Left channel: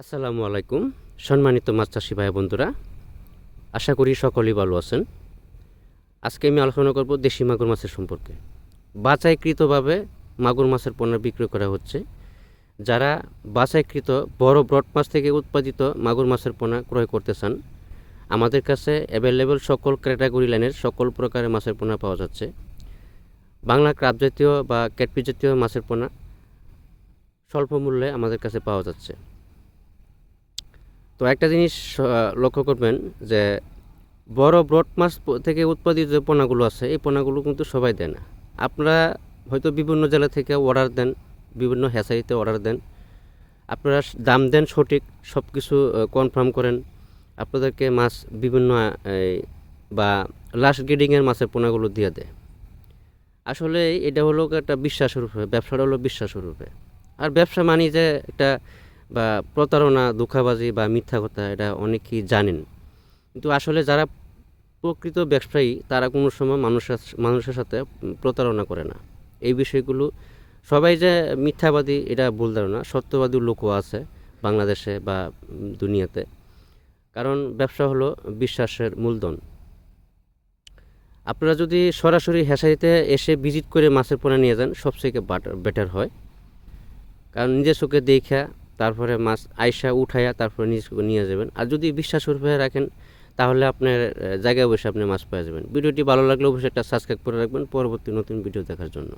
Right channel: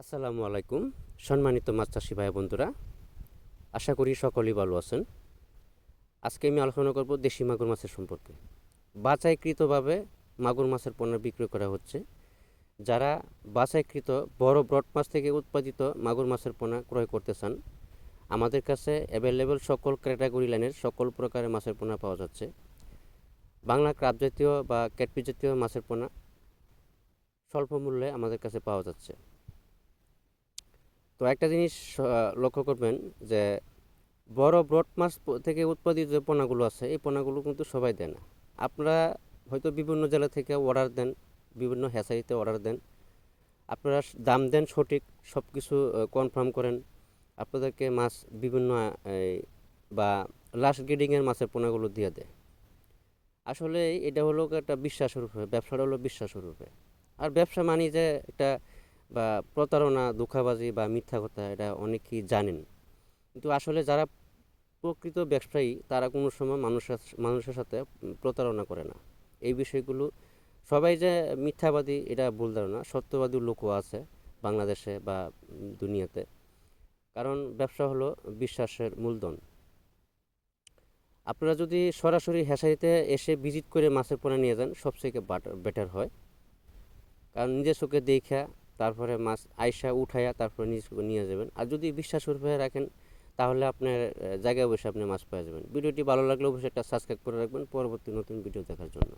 আসসালামু আলাইকুম, সম্মানিত মাছ চাষি ভাই বন্ধুরা। আশা করি সকলেই ভালো আছেন। আজকে আমি আলোচনা করব দেশি মাগুর মাছের সম্পর্কে। বাছাইকৃতভাবে মাগুর মাছের পণ্য বিক্রয় করা হচ্ছে। যারা বাছাইকৃত বড় ব্রড মাছ থেকে উৎপাদিত মাগুর মাছের পোনা ক্রয় করতে চান, আমাদের কাছে অ্যাভেলেবেল সকল ক্যাটাগরি লাইনের সকল প্রকারের মাছের পোনা পাওয়া যাচ্ছে। বাংলা ক্রাব জাতীয় বা ক্যাটপি জাতীয় মাছের পোনা স্বল্প মূল্যে আমাদের কাছে পাওয়া যাচ্ছে। তো একটা জিনিস লক্ষ্য করবেন যে বড় ব্রড মাছ থেকে উৎপাদিত যে পোনাগুলো আছে, এই পোনাগুলো কিন্তু সবাই দেয় না। আপনারা হয়তো বিভিন্ন জেলা থেকে অর্ডার দেন, বিভিন্ন হ্যাচারিতে অর্ডার দেন। আপনারা দাম দেন সঠিক সব কিছু কনফার্ম করেন। আপনাদেরকে মাছ বিভিন্ন বা লাস্ট গ্রেডিংয়ের মাছের পোনাগুলো দিয়ে দেয়। আসলে এটা হলো একটা বিশ্বাসের উপরে ব্যবসাটা হলো বিশ্বাসের উপরে আর ব্যবসা মানি যে একটা বা প্রতারণা ধোঁকাবাজি বা মিথ্যা কথা এটা অনেকেই জানেন। কিন্তু আসলে যারা প্রকৃত ব্যবসায়ী, তারা কোনো সময় মানুষের মানুষের সাথে প্রতারণা করে না। এই বিষয়গুলো সবাই যে মিথ্যাবাদী, এটা ভুল ধারণা। সত্যবাদী লোকও আছে বাংলাদেশে বা দুনিয়াতে। কারণ ব্যবসা হলো বিশ্বাসের মূলধন। আপনারা যদি সরাসরি হেসারিতে এসে ভিজিট করে মাছের পোনা নিয়ে যান, সবথেকে বেটার হয়। কারণ নিজের চোখে দেখা তারপরে মাছ আইসা উঠাইয়া তারপরে নিজ নিয়ে যাবেন। আর যদি বিশ্বাস রূপে রাখেন, তাহলে আপনার জায়গায় বসে আপনি মাছ পেয়ে যাবেন। ভিডিওটি ভালো লাগলে অবশ্যই একটা সাবস্ক্রাইব করে রাখবেন। পরবর্তী নতুন ভিডিও দেখার জন্য।